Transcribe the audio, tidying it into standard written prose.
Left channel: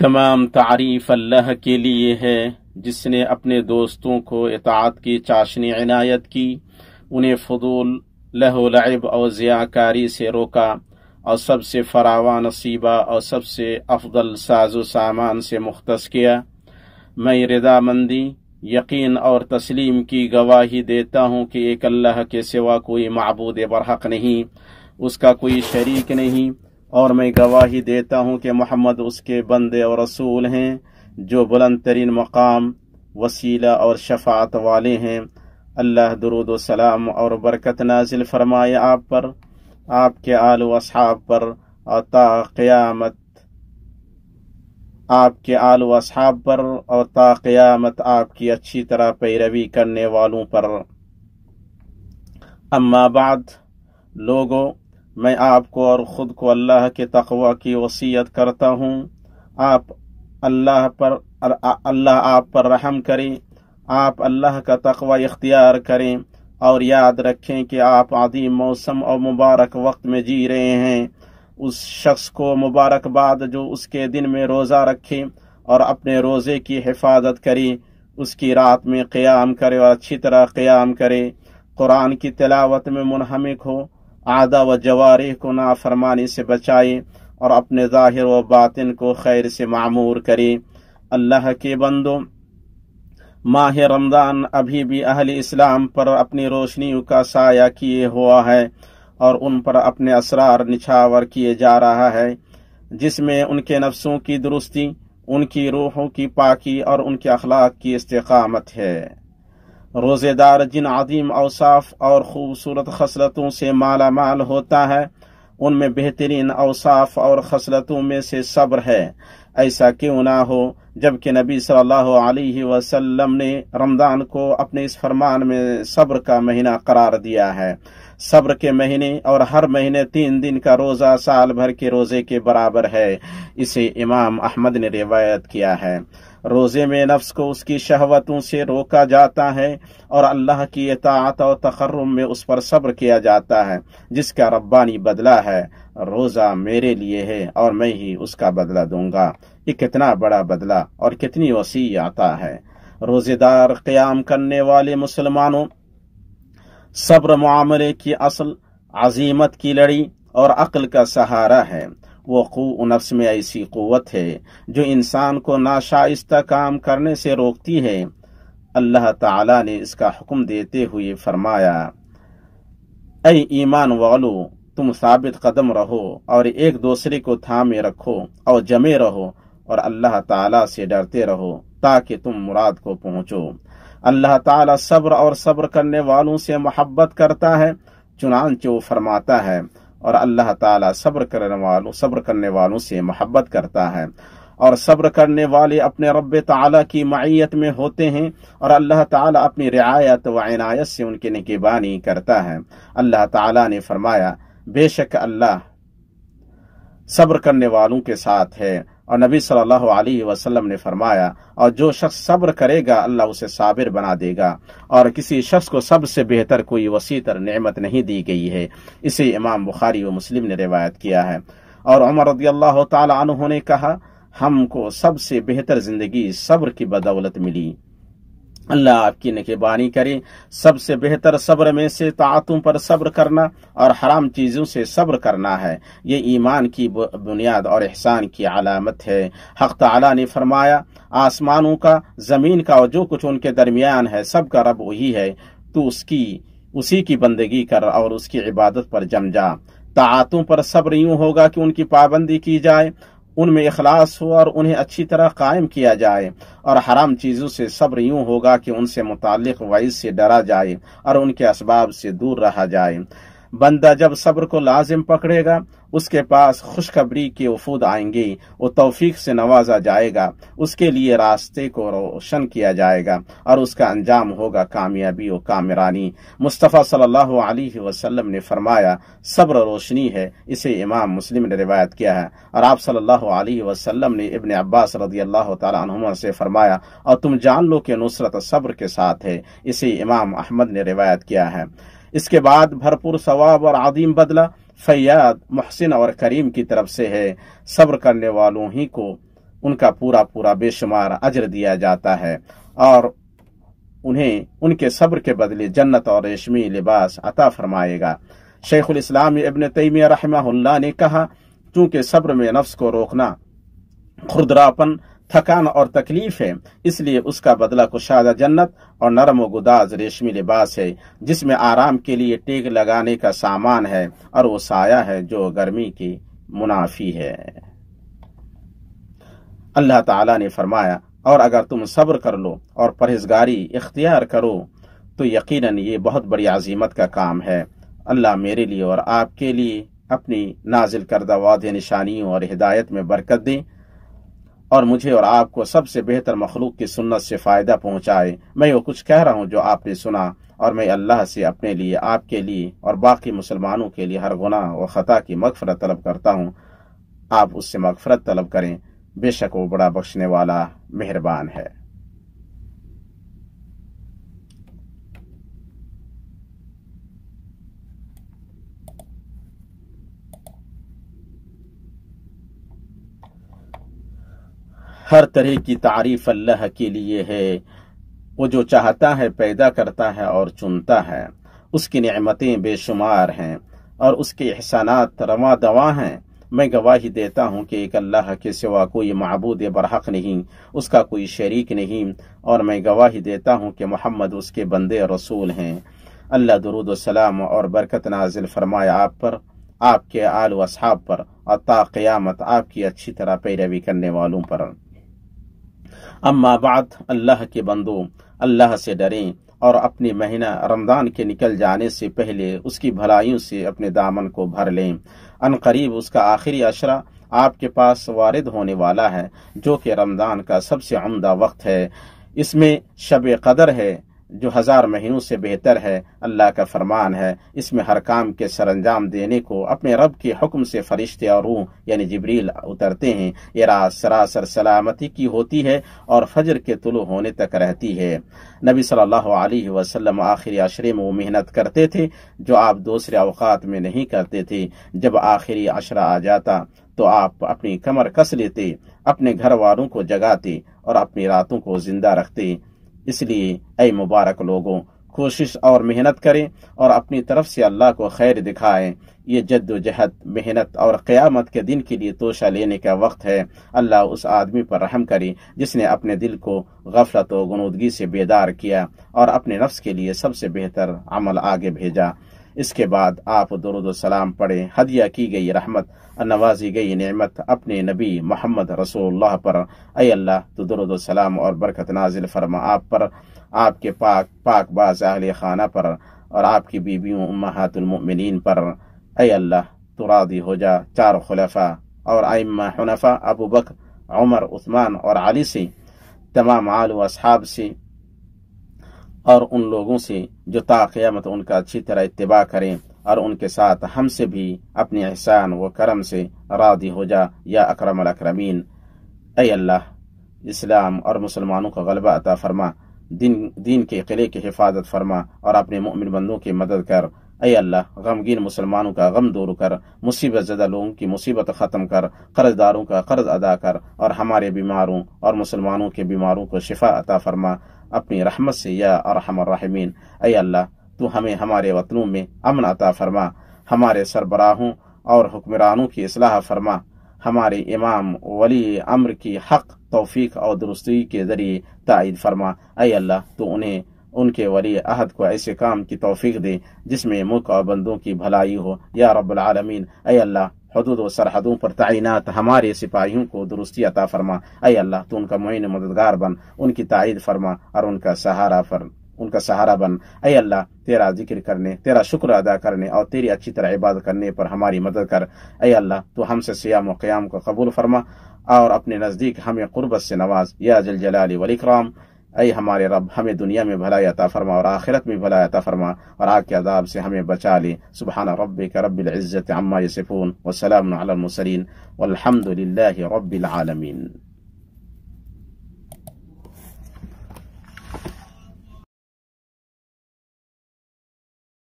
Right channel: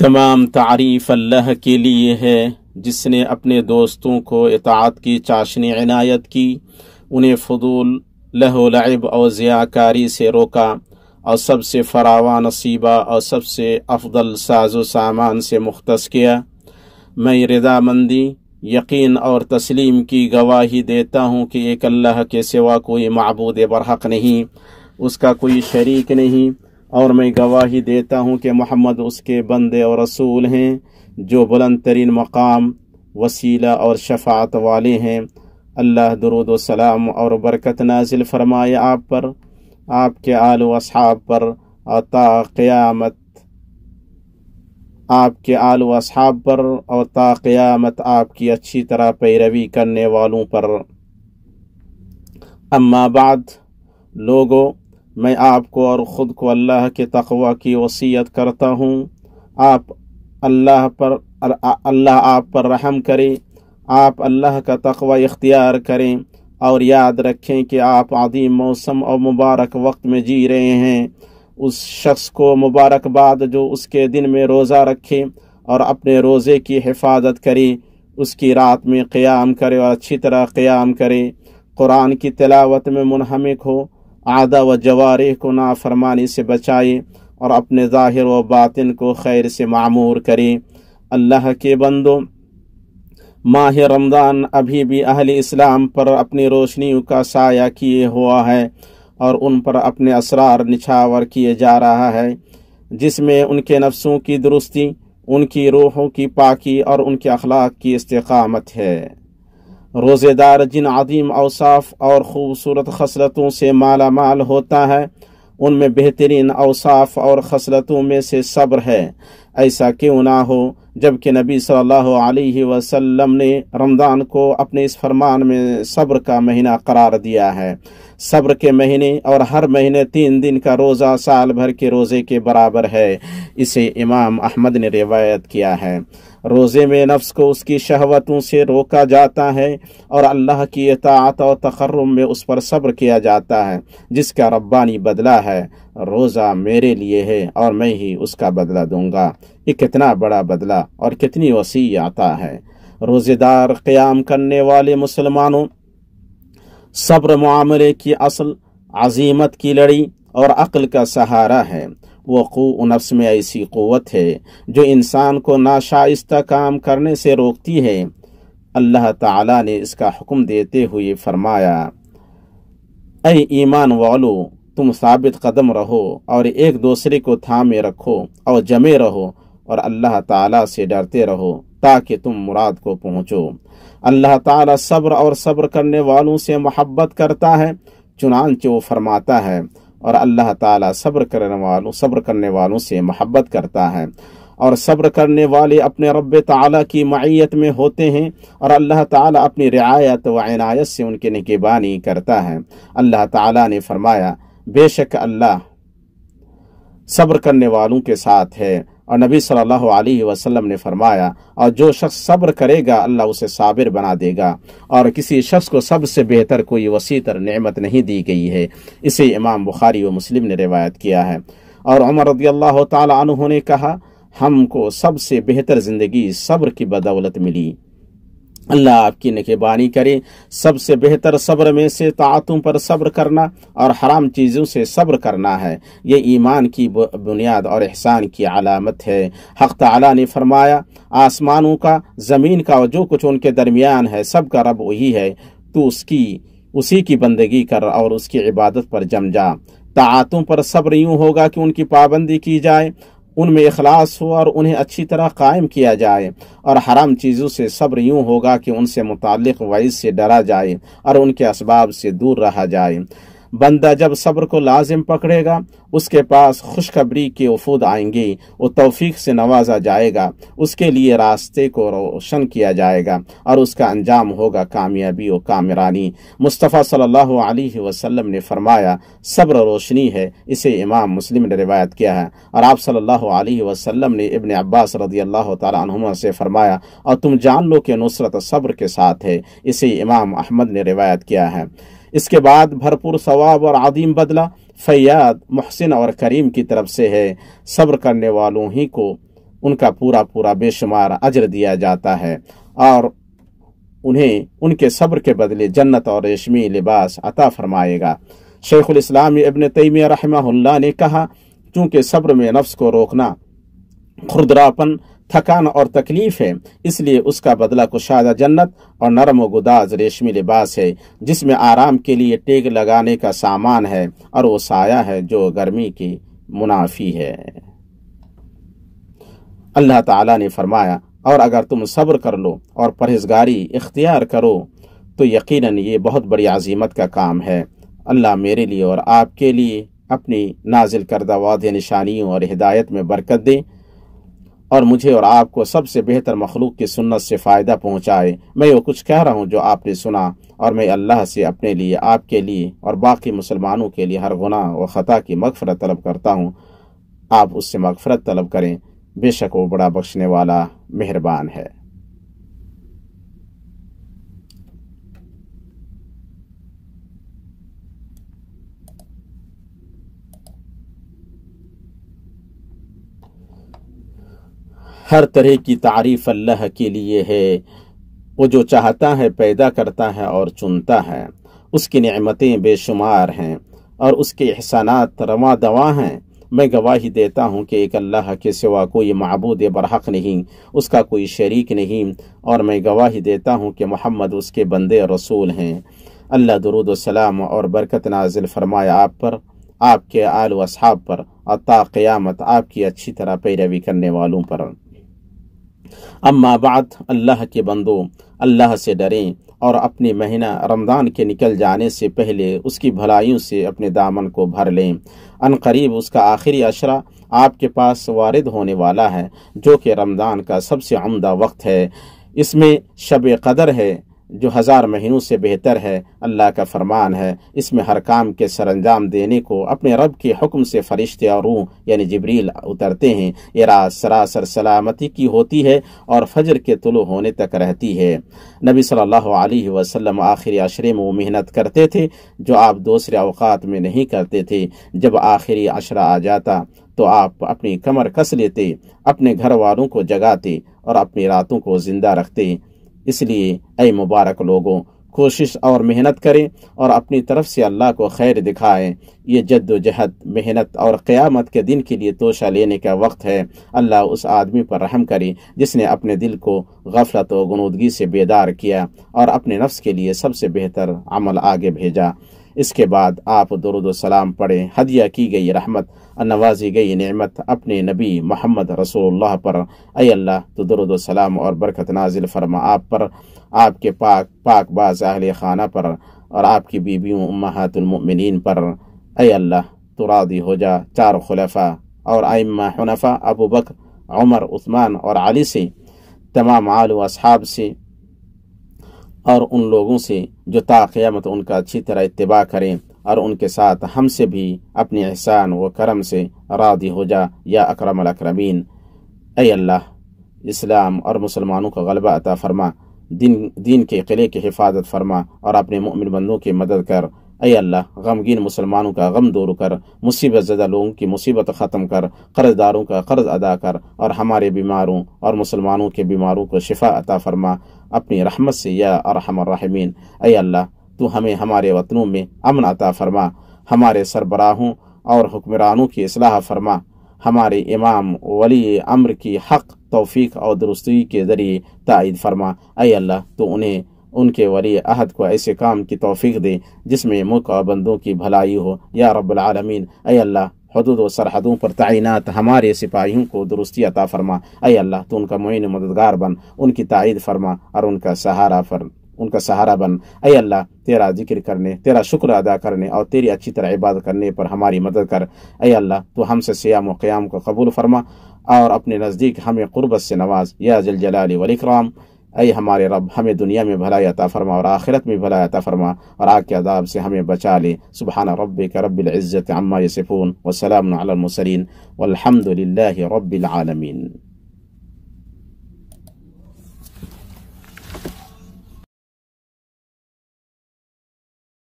تمام تعریف اللہ کے لیے ہے جس نے اپنے دوستوں کو اطاعت کی چاشنی عنایت کی، انہیں فضول لہو لعب اور ضیاءکاری سے روکا اور سب سے فراواں نصیبہ اور سب سے افضل ساز و سامان سے مختص کیا۔ میں رضامندی، یقین اور تسلیم کی گواہی دیتا ہوں کہ ایک اللہ کے سوا کوئی معبود برحق نہیں، اس کا کوئی شریک نہیں، اور میں گواہی دیتا ہوں کہ محمد اس کے بندے اور رسول ہیں جو بلند ترین مقام، وسیلہ اور شفاعت والے ہیں۔ اللہ درود و سلام اور برکت نازل فرمائے آپ پر، آپ کے آل و اصحاب پر، اور تا قیامت آپ کے آل و اصحاب پر، اور تا قیامت آپ کی اچھی طرح پیروی کرنے والوں پر۔ اما بعد، لوگو، میں آپ کو اور خود کو اللہ کے تقوی کی وصیت کرتا ہوں۔ اللہ آپ پر رحم کرے، آپ اللہ کا تقوی اختیار کریں، اور یاد رکھیں کہ آپ عظیم موسم اور مبارک وقت میں جی رہے ہیں۔ اس شخص کو مبارکباد جو اس کے دن میں روزہ رکھے اور اپنے روزے کی حفاظت کرے، اس کی رات میں قیام کرے اور اچھی طرح قیام کرے، قرآن کی تلاوت میں منہمک ہو، اعضاء و جوارح کو نافرمانی سے بچائے، اور اپنے ظاہر و باطن کو خیر سے معمور کرے۔ اللہ کے بندو، ماہ رمضان ابھی بھی اہل اسلام پر اپنی روشنیوں کا سایہ کیے ہوا ہے اور ان پر اپنے اسرار نچھاور کیے جا رہا ہے، جس میں ان کے نفسوں کی درستی، ان کی روحوں کی پاکی اور ان کے اخلاق کی استقامت ہے۔ روزے دار جن عظیم اوصاف اور خوبصورت خصلتوں سے مالا مال ہوتا ہے، ان میں بہترین اوصاف اور خصلتوں میں سے صبر ہے۔ ایسا کیوں نہ ہو جبکہ نبی صلی اللہ علیہ وسلم نے رمضان کو اپنے اس فرمان میں صبر کا مہینہ قرار دیا ہے۔ صبر کے مہینے اور ہر مہینے 3 دن کا روزہ سال بھر کے روزے کے برابر ہے، اسے امام احمد نے روایت کیا ہے۔ روزے میں نفس کو اس کی شہوتوں سے روکا جاتا ہے اور اللہ کی اطاعت اور تقرب میں اس پر صبر کیا جاتا ہے، جس کا ربانی بدلہ ہے، روزہ میرے لیے ہے اور میں ہی اس کا بدلہ دوں گا۔ یہ کتنا بڑا بدلہ اور کتنی وسیع عطا ہے۔ روزے دار قیام کرنے والے مسلمانوں، صبر معاملے کی اصل، عزیمت کی لڑی اور عقل کا سہارا ہے۔ وقوع نفس میں ایسی قوت ہے جو انسان کو ناشائستہ کام کرنے سے روکتی ہے۔ اللہ تعالی نے اس کا حکم دیتے ہوئے فرمایا، اے ایمان والو، تم ثابت قدم رہو اور ایک دوسرے کو تھامے رکھو اور جمے رہو اور اللہ تعالی سے ڈرتے رہو تاکہ تم مراد کو پہنچو۔ اللہ تعالی صبر اور صبر کرنے والوں سے محبت کرتا ہے، چنانچہ وہ فرماتا ہے، اور اللہ تعالی صبر کرنے والوں سے محبت کرتا ہے، اور صبر کرنے والے اپنے رب تعالی کی معیت میں ہوتے ہیں، اور اللہ تعالی اپنی رعایت و عنایت سے ان کی نگہبانی کرتا ہے۔ اللہ تعالی نے فرمایا، بے شک اللہ صبر کرنے والوں کے ساتھ ہے، اور نبی صلی اللہ علیہ وسلم نے فرمایا، اور جو شخص صبر کرے گا اللہ اسے صابر بنا دے گا، اور کسی شخص کو سب سے بہتر کوئی وسیع تر نعمت نہیں دی گئی ہے۔ اسے امام بخاری و مسلم نے روایت کیا ہے۔ اور عمر رضی اللہ تعالی عنہ نے کہا، ہم کو سب سے بہتر زندگی صبر کی بدولت ملی۔ اللہ آپ کی نگہبانی کرے۔ سب سے بہتر صبر میں سے طاعتوں پر صبر کرنا اور حرام چیزوں سے صبر کرنا ہے۔ یہ ایمان کی بنیاد اور احسان کی علامت ہے۔ حق تعالی نے فرمایا، آسمانوں کا، زمین کا اور جو کچھ ان کے درمیان ہے، سب کا رب وہی ہے، تو اسی کی بندگی کر اور اس کی عبادت پر جم جا۔ طاعتوں پر صبر یوں ہوگا کہ ان کی پابندی کی جائے، ان میں اخلاص ہو اور انہیں اچھی طرح قائم کیا جائے، اور حرام چیزوں سے صبر یوں ہوگا کہ ان سے متعلق وعید سے ڈرا جائے اور ان کے اسباب سے دور رہا جائے۔ بندہ جب صبر کو لازم پکڑے گا، اس کے پاس خوشخبری کے وفود آئیں گے، وہ توفیق سے نوازا جائے گا، اس کے لیے راستے کو روشن کیا جائے گا، اور اس کا انجام ہوگا کامیابی و کامرانی۔ مصطفیٰ صلی اللہ علیہ وسلم نے فرمایا، صبر روشنی ہے، اسے امام مسلم نے روایت کیا ہے۔ اور آپ صلی اللہ علیہ وسلم نے ابن عباس رضی اللہ تعالی عنہما سے فرمایا، اور تم جان لو کہ نصرت صبر کے ساتھ ہے، اسے امام احمد نے روایت کیا ہے۔ اس کے بعد بھرپور ثواب اور عظیم بدلہ فیاض، محسن اور کریم کی طرف سے ہے۔ صبر کرنے والوں ہی کو उनका पूरा पूरा बेशुमार अजर दिया जाता है और उन्हें उनके सब्र के बदले जन्नत और रेशमी लिबास अता फरमाएगा। शेखुल इस्लाम इब्न तैमिया रहमहुल्लाह ने कहा, चूंकि सब्र में नफ्स को रोकना खुरदरापन, थकान और तकलीफ है, इसलिए उसका बदला कुशादा जन्नत और नरम व गुदाज रेशमी लिबास है, जिसमें आराम के लिए टेक लगाने का सामान है और वो साया है जो गर्मी की मुनाफी है। अल्लाह ताला ने फरमाया, और अगर तुम सब्र कर लो और परहेजगारी इख्तियार करो तो यकीनन ये बहुत बड़ी अजीमत का काम है। अल्लाह मेरे लिए और आपके लिए अपनी नाजिल करदा वादे निशानियों और हिदायत में बरकत दे और मुझे और आपको सबसे बेहतर मखलूक की सुन्नत से फ़ायदा पहुँचाए। मैं वो कुछ कह रहा हूँ जो आपने सुना, और मैं अल्लाह से अपने लिए, आपके लिए और बाकी मुसलमानों के लिए हर गुनाह व ख़ता की मग़फ़रत तलब करता हूँ। आप उससे मग़फ़रत तलब करें, बेशक वो बड़ा बख्शने वाला मेहरबान है। हर तरह की तारीफ अल्लाह के लिए है। वो जो चाहता है पैदा करता है और चुनता है। उसकी नेमतें बेशुमार हैं और उसके एहसानात रवा दवा हैं। मैं गवाही देता हूँ कि एक अल्लाह के सिवा कोई माबूद बरहक नहीं, उसका कोई शरीक नहीं, और मैं गवाही देता हूँ कि मोहम्मद उसके बंदे और रसूल हैं। अल्लाह दुरूद व सलाम और बरकत नाजिल फरमाए आप पर, आपके आल व असहाब पर और ता क़यामत आपकी अच्छी तरह पैरवी करने वालों पर। अम्मा बाद, अल्लाह के बंदो, अल्लाह से डरें और अपने महीना रमज़ान के निकल जाने से पहले उसकी भलाइयों से अपने दामन को भर लें। अनकरीब उसका आखिरी अशरा आपके पास वारिद होने वाला है, जो कि रमज़ान का सबसे उम्दा वक्त है। इसमें शब कदर है जो 1000 महीनों से बेहतर है। अल्लाह का फरमान है, इसमें हर काम के सरंजाम देने को अपने रब के हुक्म से फरिश्ते और रूह यानी जिब्रील उतरते हैं। ये रात सरासर सलामती की होती है और फजर के तुलू होने तक रहती है। नबी सल्लल्लाहु अलैहि वसल्लम आखिरी अशरे में वो मेहनत करते थे जो आप दूसरे अवकात में नहीं करते थे। जब आखिरी अशरा आ जाता तो आप अपनी कमर कस लेते, अपने घर वालों को जगाते और अपनी रातों को जिंदा रखते। इसलिए ऐ मुबारक लोगों, कोशिश और मेहनत करें और अपनी तरफ से अल्लाह को खैर दिखाएं। ये जद्दोजहद, मेहनत और क़यामत के दिन के लिए तोशा लेने का वक्त है। अल्लाह उस आदमी पर रहम करे जिसने अपने दिल को गफलत व गुनूदगी से बेदार किया और अपने नफ्स के लिए सबसे बेहतर अमल आगे भेजा। इसके बाद आप दुरूद व सलाम पढ़ें। हदिया की गई रहमत, नवाजी गई नेमत अपने नबी मोहम्मद रसूलुल्लाह पर। ऐ अल्लाह, तो दुरूद व सलाम और बरकत नाजिल फरमा आप पर, आपके पाक बाज़ अहले खाना पर और आपकी बीबियों उम्महातुल मुमिनीन पर। ऐ अल्लाह, तो राज़ी हो जा 4 खुलफा और आइम्मा हुनफा अबू बकर, उमर, उस्मान और अली से, तमाम आल व असहाब से और उन लोगों से जो ता क़यामत उनका अच्छी तरह इत्तिबा करें, और उनके साथ हमसे भी अपने एहसान व करम से राज़ी हो जा या अकरमल अकरमीन। ऐ अल्लाह, इस्लाम और मुसलमानों का गलबा अता फरमा, दीन के किले की हिफाजत फरमा और अपने मोमिन बंदों की मदद कर। ऐ अल्लाह, गमगीन मुसलमानों का गम दूर कर, मुसीबत ज़दा लोगों की मुसीबत ख़त्म कर, कर्जदारों का कर्ज अदा कर और हमारे बीमारों और मुसलमानों के बीमारों को शिफा अता फरमा अपनी रहमत से या अरहमर राहिमीन। ऐ अल्लाह, तू हमें हमारे वतनों में अमन अता फरमा, हमारे सरबराहों और हुक्मरानों की इस्लाह फरमा, हमारे इमाम वली अम्र की हक तौफीक और दुरुस्ती के ज़रिए तायद फरमा। ऐ अल्लाह, तो उन्हें उनके वली अहद को ऐसे काम की तौफीक दे जिसमें मुल्क और बंदों की भलाई हो या रब्बुल आलमीन। ऐ अल्लाह, हदूद व सरहदों पर तैनात हमारे सिपाहियों को दुरुस्ती अता फरमा। ऐ अल्लाह, तो उनका मुईन मददगार बन, उनकी तायद फरमा और उनका सहारा बन। ऐ अल्लाह, तेरा जिक्र करने, तेरा शुक्र अदा करने और तेरी अच्छी तरह इबादत करने पर हमारी मदद कर। ऐ अल्लाह, तो हमसे सियाम व क़याम को कबूल फरमा और अपने नज़दीक हमें क़ुर्बत से नवाज या जल जलाली वल इकराम। ऐ हमारे रब, हमें दुनिया में भलाई अता फरमा और आखिरत में भलाई अता फरमा और आग के अज़ाब से हमें बचा ले। सुब्हान रब्बिका रब्बिल इज़्ज़ति अम्मा यसिफून व सलामुन अलल मुरसलीन वल्हम्दुलिल्लाहि रब्बिल आलमीन।